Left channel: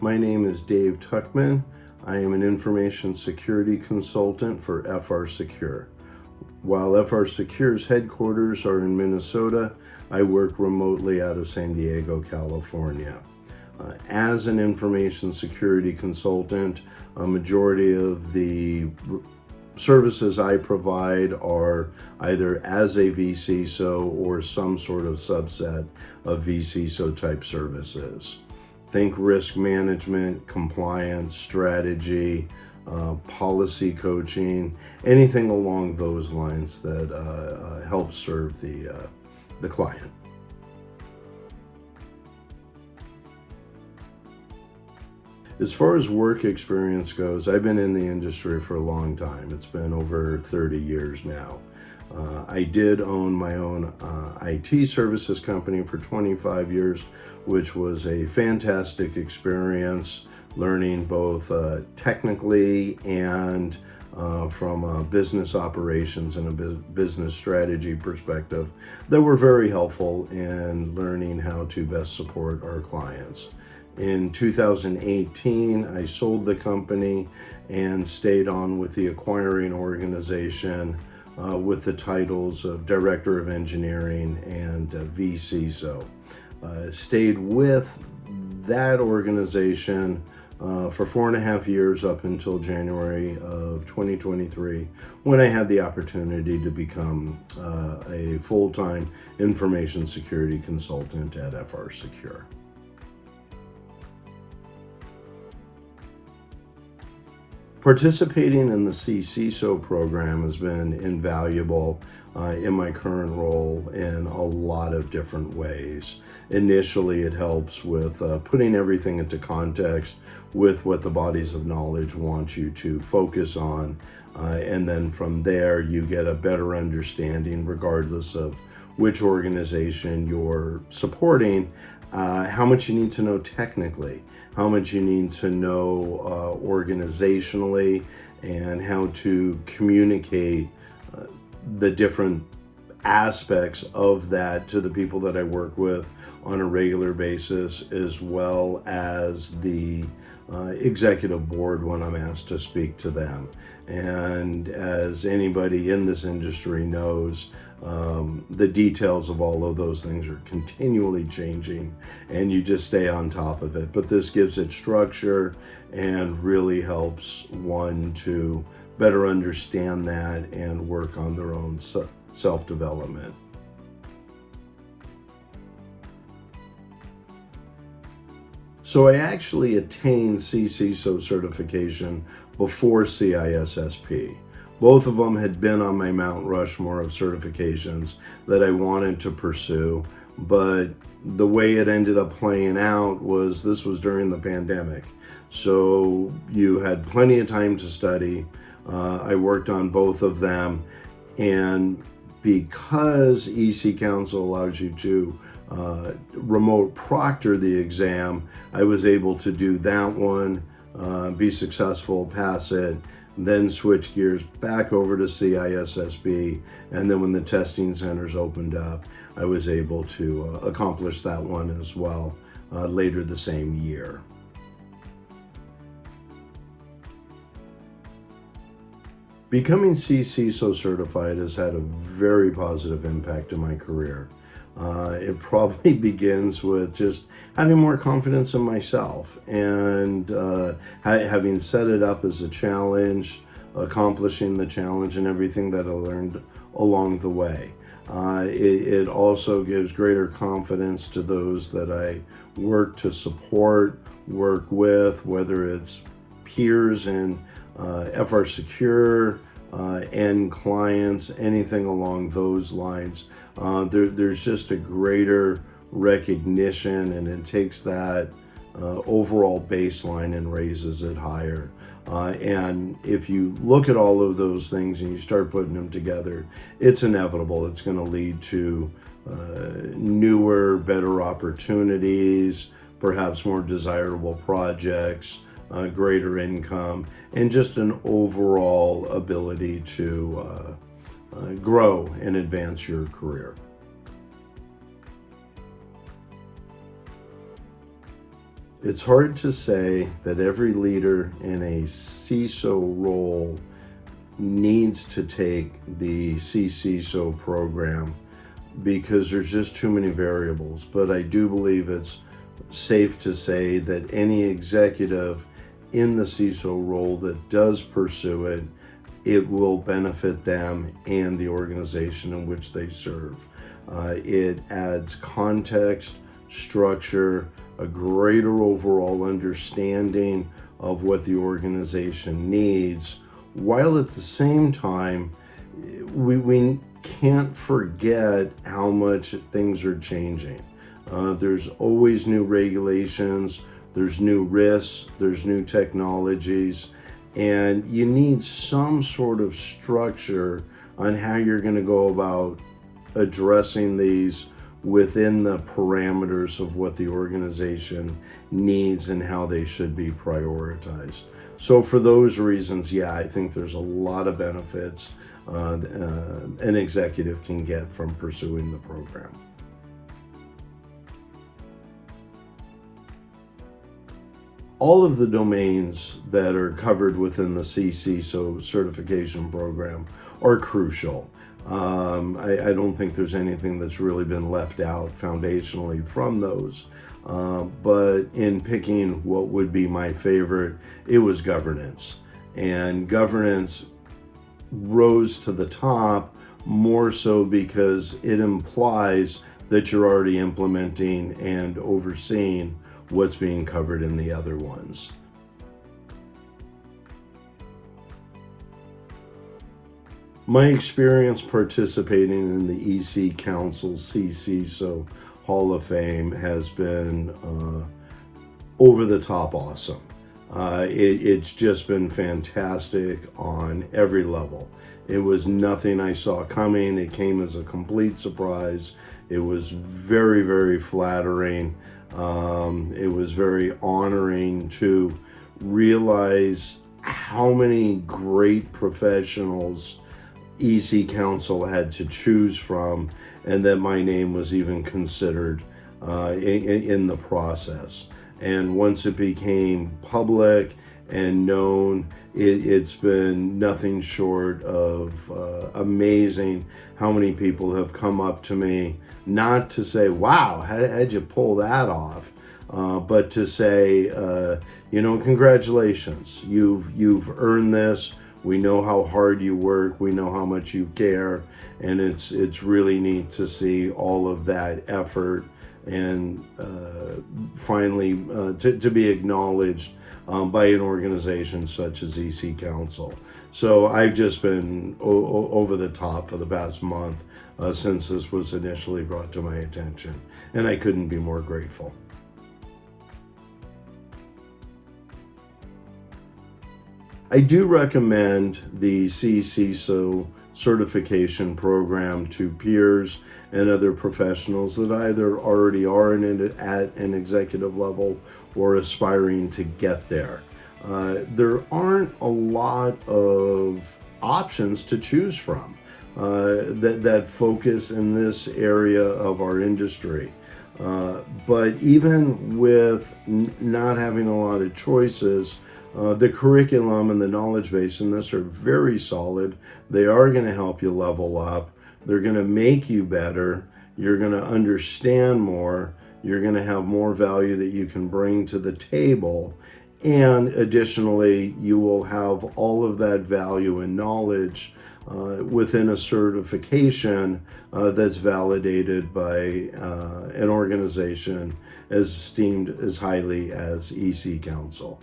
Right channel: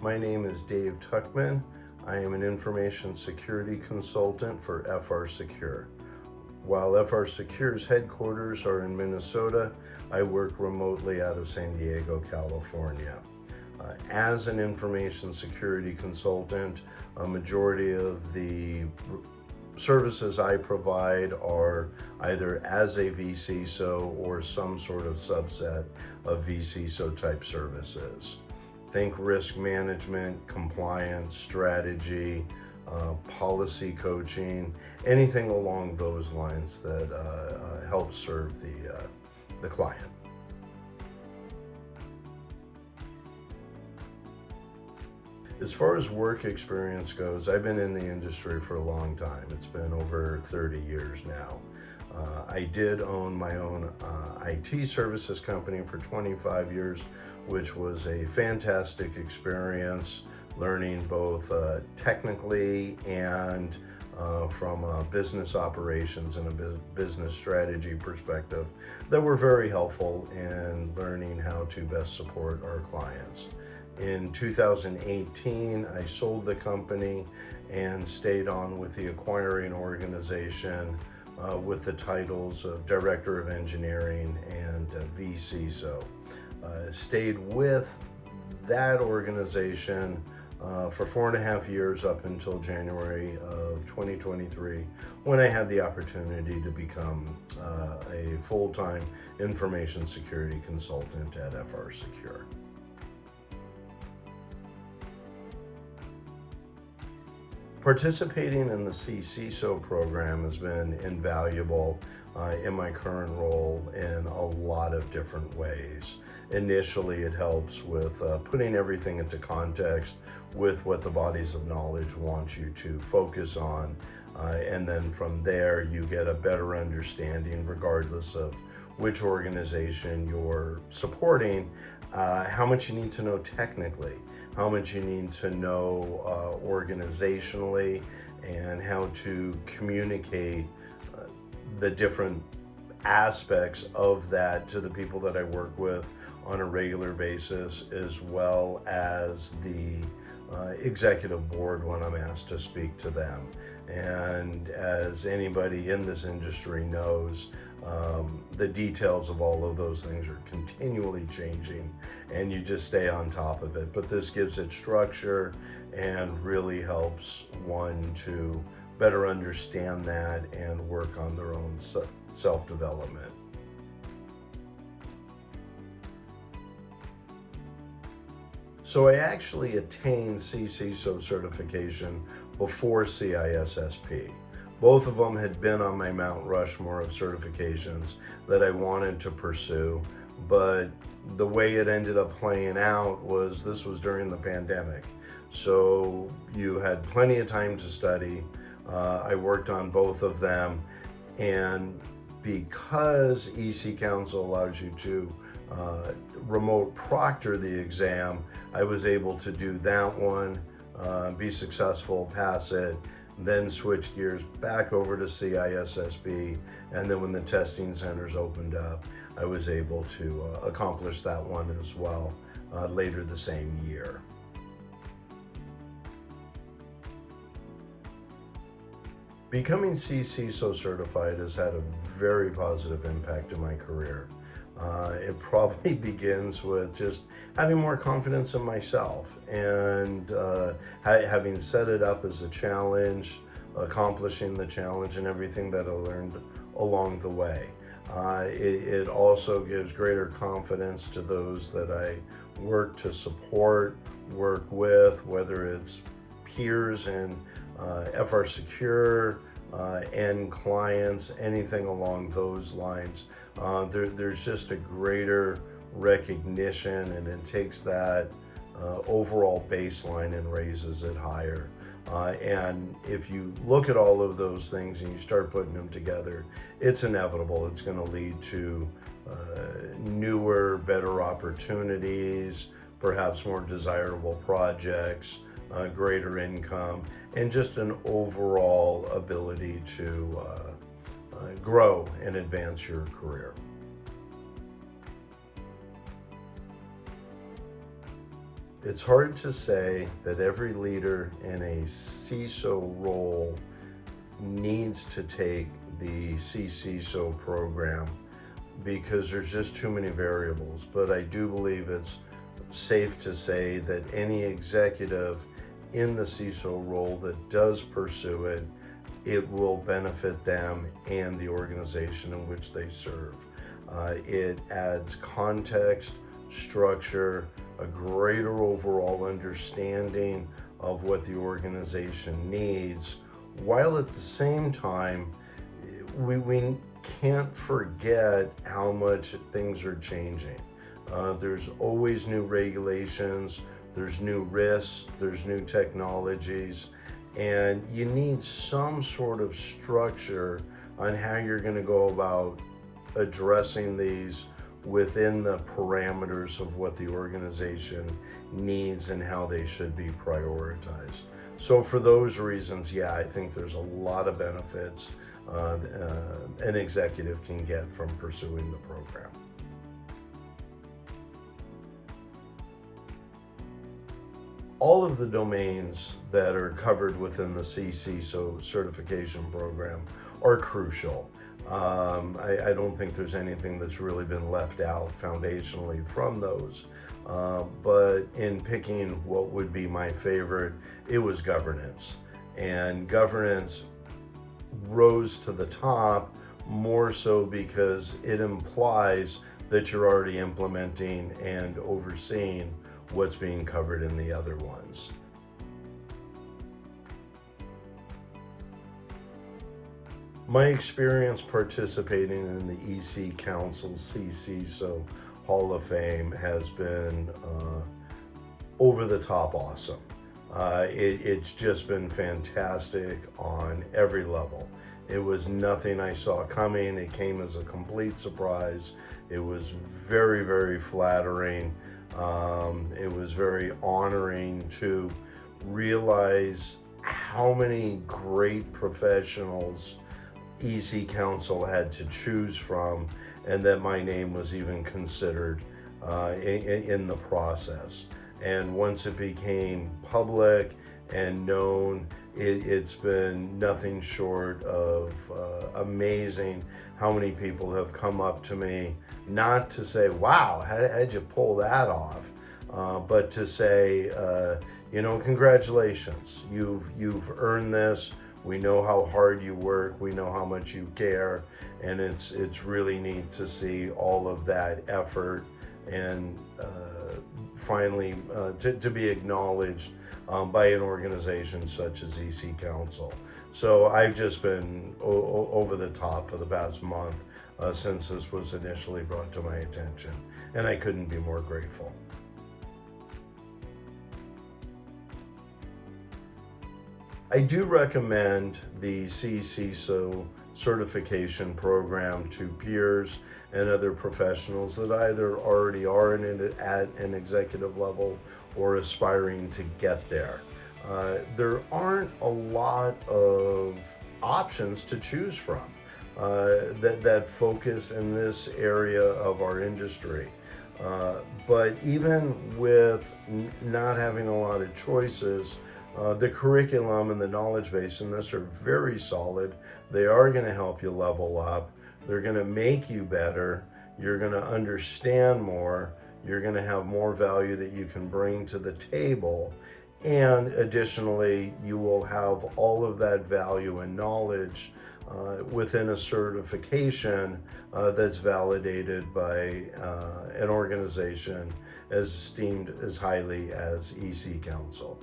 My name is Dave Tuckman. I am an information security consultant for FRSecure. While FRSecure's headquarters are in Minnesota, I work remotely out of San Diego, California. As an information security consultant, a majority of the services I provide are either as a vCISO or some sort of subset of vCISO type services. Think risk management, compliance, strategy, policy coaching, anything along those lines that helps serve the client. As far as work experience goes, I've been in the industry for a long time. It's been over 30 years now. I did own my own IT services company for 25 years, which was a fantastic experience, learning both technically and from a business operations and a business strategy perspective that were very helpful in learning how to best support our clients. In 2018, I sold the company and stayed on with the acquiring organization with the titles of Director of Engineering and vCISO. Stayed with that organization for 4.5 years up until January of 2023, when I had the opportunity to become a full-time information security consultant at FRSecure. Participating in the CISO program has been invaluable in my current role in a lot of different ways. Initially, it helps with putting everything into context with what the bodies of knowledge want you to focus on. And then from there, you get a better understanding, regardless of which organization you're supporting, how much you need to know technically, how much you need to know organizationally, and how to communicate the different aspects of that to the people that I work with on a regular basis, as well as the executive board when I'm asked to speak to them. And as anybody in this industry knows, the details of all of those things are continually changing, and you just stay on top of it. But this gives it structure and really helps one to better understand that and work on their own self-development. So I actually attained CISO certification before CISSP. Both of them had been on my Mount Rushmore of certifications that I wanted to pursue, but the way it ended up playing out was this was during the pandemic. So you had plenty of time to study. I worked on both of them, and because EC Council allows you to remote proctor the exam, I was able to do that one, be successful, pass it, then switch gears back over to CISSP, and then when the testing centers opened up, I was able to accomplish that one as well later the same year. Becoming CISO certified has had a very positive impact in my career. It probably begins with just having more confidence in myself and having set it up as a challenge, accomplishing the challenge and everything that I learned along the way. It also gives greater confidence to those that I work to support, work with, whether it's peers in FRSecure, end clients, anything along those lines. There's just a greater recognition, and it takes that overall baseline and raises it higher. And if you look at all of those things and you start putting them together, it's inevitable. It's going to lead to newer, better opportunities, perhaps more desirable projects, greater income, and just an overall ability to grow and advance your career. It's hard to say that every leader in a CISO role needs to take the CISO program because there's just too many variables. But I do believe it's safe to say that any executive in the CISO role that does pursue it, it will benefit them and the organization in which they serve. It adds context, structure, a greater overall understanding of what the organization needs, while at the same time, we can't forget how much things are changing. There's always new regulations, there's new risks, there's new technologies, and you need some sort of structure on how you're going to go about addressing these within the parameters of what the organization needs and how they should be prioritized. So for those reasons, yeah, I think there's a lot of benefits an executive can get from pursuing the program. All of the domains that are covered within the CISO certification program are crucial. I don't think there's anything that's really been left out foundationally from those. But in picking what would be my favorite, it was governance. And governance rose to the top more so because it implies that you're already implementing and overseeing what's being covered in the other ones. My experience participating in the EC Council CISO Hall of Fame has been over the top awesome. It's just been fantastic on every level. It was nothing I saw coming. It came as a complete surprise. It was very, very flattering. It was very honoring to realize how many great professionals EC Council had to choose from, and that my name was even considered in the process. And once it became public and known, it's been nothing short of amazing how many people have come up to me, not to say, wow, how'd you pull that off? But to say, congratulations, you've earned this. We know how hard you work. We know how much you care. And it's really neat to see all of that effort and finally to be acknowledged by an organization such as EC Council. So I've just been over the top for the past month since this was initially brought to my attention, and I couldn't be more grateful. I do recommend the CISO certification program to peers and other professionals that either already are at an executive level or aspiring to get there. There aren't a lot of options to choose from that focus in this area of our industry. But even with not having a lot of choices, the curriculum and the knowledge base in this are very solid. They are going to help you level up. They're going to make you better. You're going to understand more. You're going to have more value that you can bring to the table. And additionally, you will have all of that value and knowledge within a certification that's validated by an organization as esteemed as highly as EC Council.